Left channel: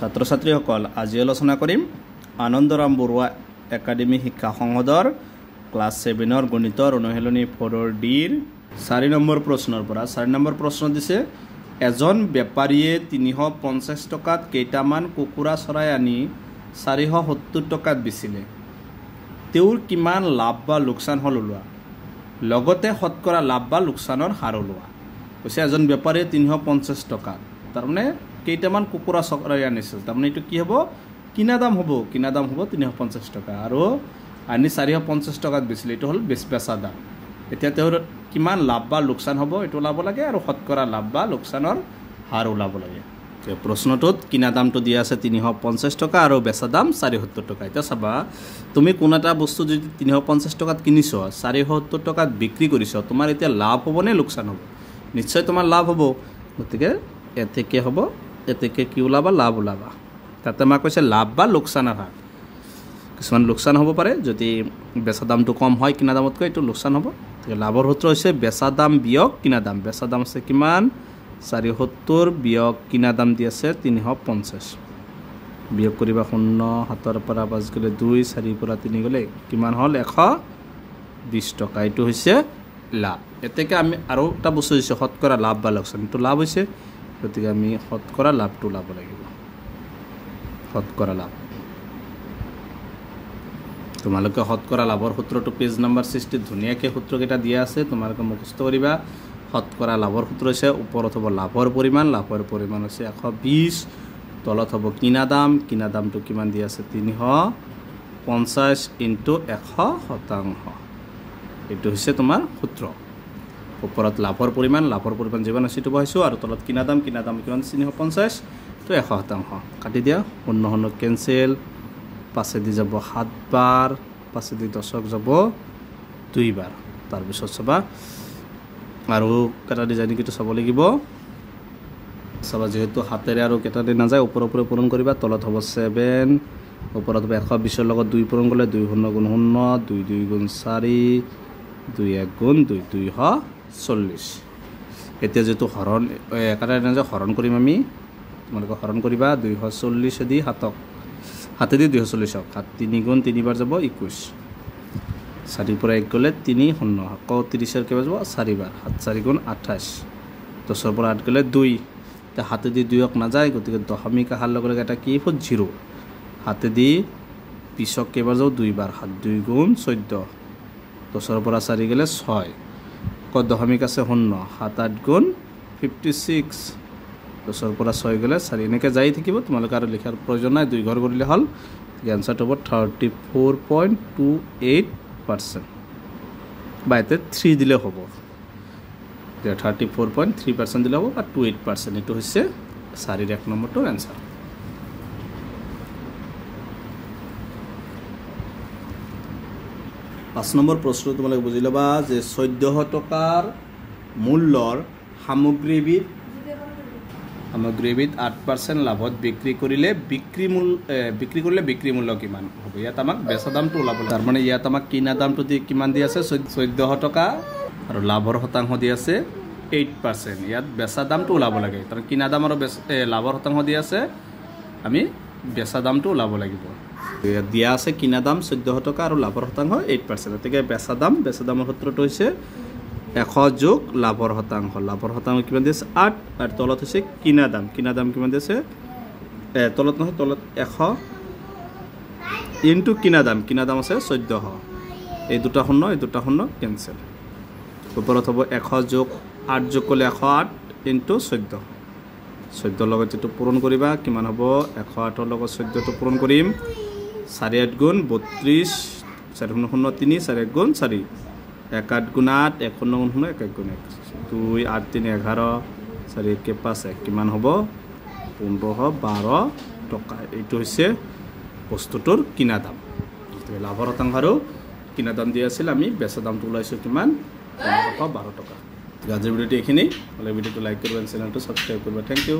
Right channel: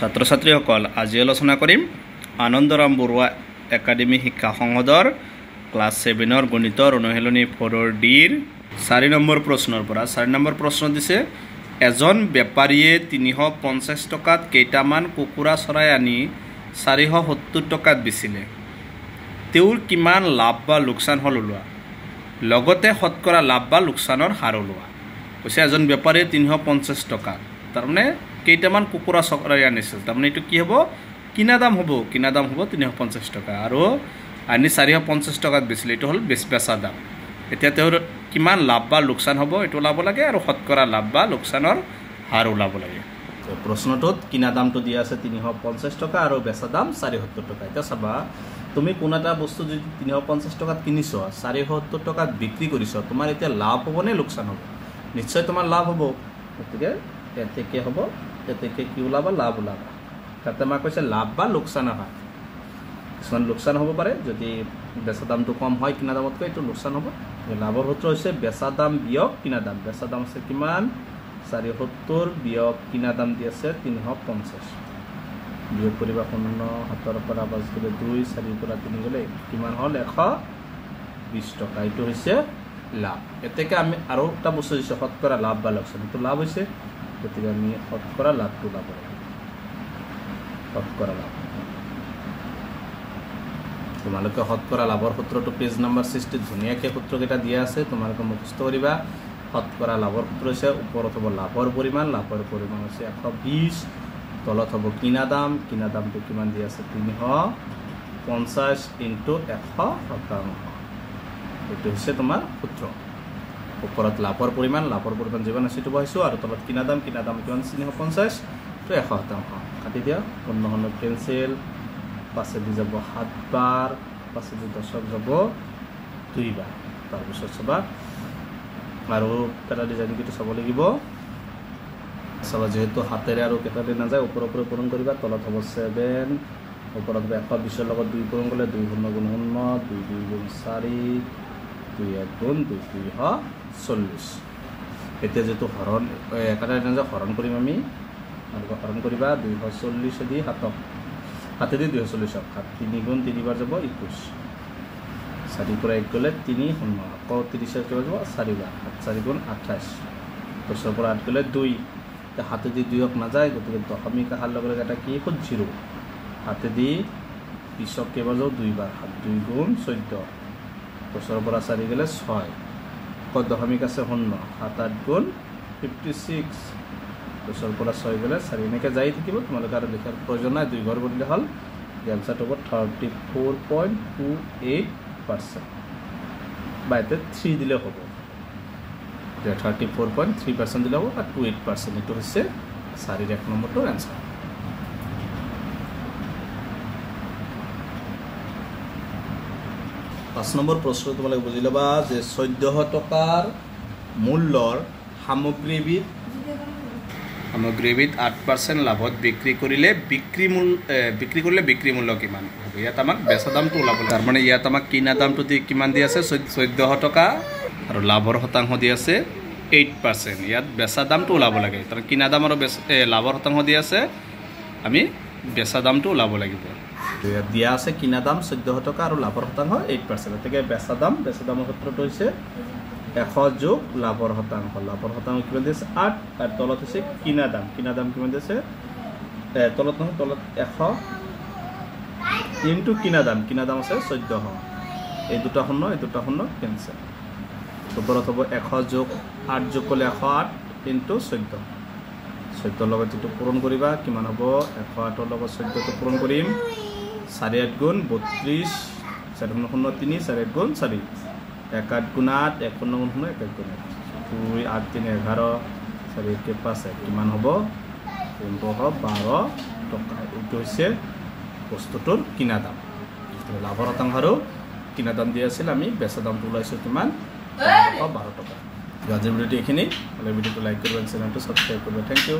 ছাত্ৰ ছাত্ৰীসকল আজি আলোচনা কৰিম আনন্দৰাম বৰুৱা একাডেমি শিক্ষা সংসদৰ ক্লাছ 7ৰ গণিতৰ অনুশীলনী 4ৰ ডিৰ 4 নম্বৰ প্ৰশ্নৰ পৰা 4 নম্বৰ প্ৰশ্ন দিছে এজন বেপাৰীয়ে 350 টকাত কেইটামান কুকুৰা চৰাই আনি 470 টকাত বেচিলে তেওঁৰ কিমান লাভ বা লোকচান হল ওলোৱা লগতে শতকৰা লাভ বা লোকচানৰ হাৰ ওলোৱা কৈছে এজন বেপাৰীয়ে 350 টকা তাৰমানে কেইটামান কুকুৰা চৰাই আনিছিল তাৰমানে এটো কি হ'ব কিনা দাম হ'ব 350 টকা আৰু আনি 450 টকাত বেচিলে এটো হল বেচা দাম এতিয়া তেওঁৰ কিমান লাভ বা লোকচান হ'ব এটো ওলাব লাগে আৰু শতকৰা লাভ বা লোকচানৰ হাৰ ওলাব লাগে তো প্ৰশ্নটোত কিনা দামটো দিয়া আছে 350 টকা আৰু বেচা দাম 470 টকা এটা চাবা তুমি কোন এটা বস্তু যদি 350 টকাত কিনিছ 470 টকাত বিক্ৰী কৰিছ তোমাৰ এতিয়া লাভ হ'ব নে লোকচান হ'ব নিশ্চয় তোমাৰ লাভ হ'ব গতিকে এতে কি হ'ব এতে কি ওলাবা লাভ ওলাবা তাতে মা কৈছে লাভ বা লোকচানৰ হাৰ কিছুমান লোকচান হ'ব পাৰে যদি বেচা দামটো কম হয় কিনা দামতকৈ এটো লোকচান হ'ব লাভৰ সূত্ৰ হৈছে বেচা দাম বিয়োগ কিনা দাম বেচা দাম আছে কিমান 470 বিয়োগ কিনা দাম দি আছে 350 বিয়োগ কৰিবা 0 7 পৰা 5 গলে 2 4 পৰা 3 গলে কিমান হল 120 টকা এটো হৈছে লাভ এতেকে আমি আৰু এটা বস্তু হৈছে শতকৰা লাভ বা লোকচান এটো লাভ হৈছে গতিকে আমি শতকৰা লাভটো লাভ লাগিব শতকৰা লাভ তোমালোকে শতকৰা লাভৰ সূত্ৰটো পেজ নম্বৰ 60 ধুনিয়াকে সূত্ৰকেইটা দিয়া আছে তোমালোকে মুখস্থ কৰিবা শতকৰা লাভৰ সূত্ৰ হৈছে ওপৰত হ'ব লাভৰ পৰিমাণ হৈছে 120 তলত হ'ব কিনা দামটো কিমান দিয়া আছে 350 * 100% এটো হৈছে তোমাৰ সূত্ৰ ওপৰত লাভৰ পৰিমাণ যিমান আছে তো বহাইছো আৰু তলত কিনা দাম কিমান 350 তো 100% কাটি দিয়া 0 কেনসেল পাছে দি যাব 7 বাৰ পাছে দি 10ক যাব 2 বাৰ তাৰ পিছত সবা আৰু কেটা ডিজাইন কিটো চাব লাগিব সবা যেহেতু হাতেৰে আৰু কেটা দি না যায় ওপৰ পূৰণ কৰিবা তলত হ'ব 7 ওপৰত হ'ব 120 ৰ লগত 2 পূৰণ কৰিলে 2 × 0 = 0 2 × 2 = 4 2 × 1 = 2 2 = 40 এতিয়া যেটো হৰণ একাৰে না যায় হৰণ কৰিম আমি তোমালোকে হৰণ কৰিবা 240 দি হাতে দি 240 7 3 × 3 বাৰ যাব 21 4 পৰা 1 গলে 3 0 আকৌ 30 ৰ কেবা যাব 4 বাৰ 7 4 × 28 10 পৰা 8 গলে 2 তে হাতে দি 2ক না যায় গতিকে দশমিক আহাৰ লগে লগে এটা কি হ'ল 0 হাতে দি 20ক কেবা যাব 2 বাৰ 7 2 × 14 10 পৰা 4 গলে 6 কত দশমিক আছে 0 7 8 × 56 10 পৰা 6 গলে 4 এনেকে যাই থাকিব তোমালোকে আৰু লিখাৰ প্ৰয়োজন নাই 2 ঘৰ কৰিলে হল আনসারটো হ'ব 34.28% বাইতে 3 দিলে হ'ব 34.3% দিলে হ'ব আর 28% এটো হচ্ছে 4 1 নম্বৰটোৰ आंसर 5 নম্বৰ প্ৰশ্ন তোমালোকে বুজি লবা যে 1400 টকাৰ মূল্যৰ সামগ্ৰীবিধ 8% লাভত বিক্ৰী কৰিলে বিক্ৰী মূল্য কিমান হ'ব ইয়াত আমাক বেচা দামটো ওলাব তাৰ মানে ইয়াত আমাক কিনা দামটো কিমান দি আছে 1400 টকা আৰু লাভৰ শতাংশ দি আছে 8% ইয়াত বেচা দামটো ওলাব লাগে তাৰ কিনা দাম আৰু লাভৰ শতাংশ দি আছে আমি বেচা দামটো ওলাব লাগিব ইয়াত দিয়া আছে কিনা দাম 1400 টকা আৰু লাভৰ শতাংশ 8% এতেকে বেচা দামৰ সূত্ৰটো হৈছে 100 যোগ লাভৰ শতাংশ কিমান দিছে 8 আৰু তলত হৈছে কিনা দাম কিমান দিছে তলত নহয় তলত 100 ইনটু কিনা দাম আছে 1400 এই দুটা শূন্য কেনসেল ওপৰত হ'ব 100 যোগ 8 যোগ কৰিলে 108 ইনটু 14 লগত যেটো পূৰণ কৰিবা কিমান হ'ব 108 ৰ লগত 14 টো পূৰণ কৰিম 4 8 × 32 4 0 3 4 1 × 4 1 8 × 8 1 9 1 1 × 2 8 3 11 4 1 5 1 কিমান হ'ব 12 টকা এইটো হৈছে বস্তুটোৰ কিনা দাম লাভৰ শতাংশ আৰু কিনা দাম দি আছিল আমি বেচা দামটো ওলাইছো কিমান 12 টকা আজিৰ ভিডিওটো এইখিনি ভিডিওটো লাইক কৰিবা চেনেলটো সাবস্ক্ৰাইব কৰিবা থ্যাংক ইউ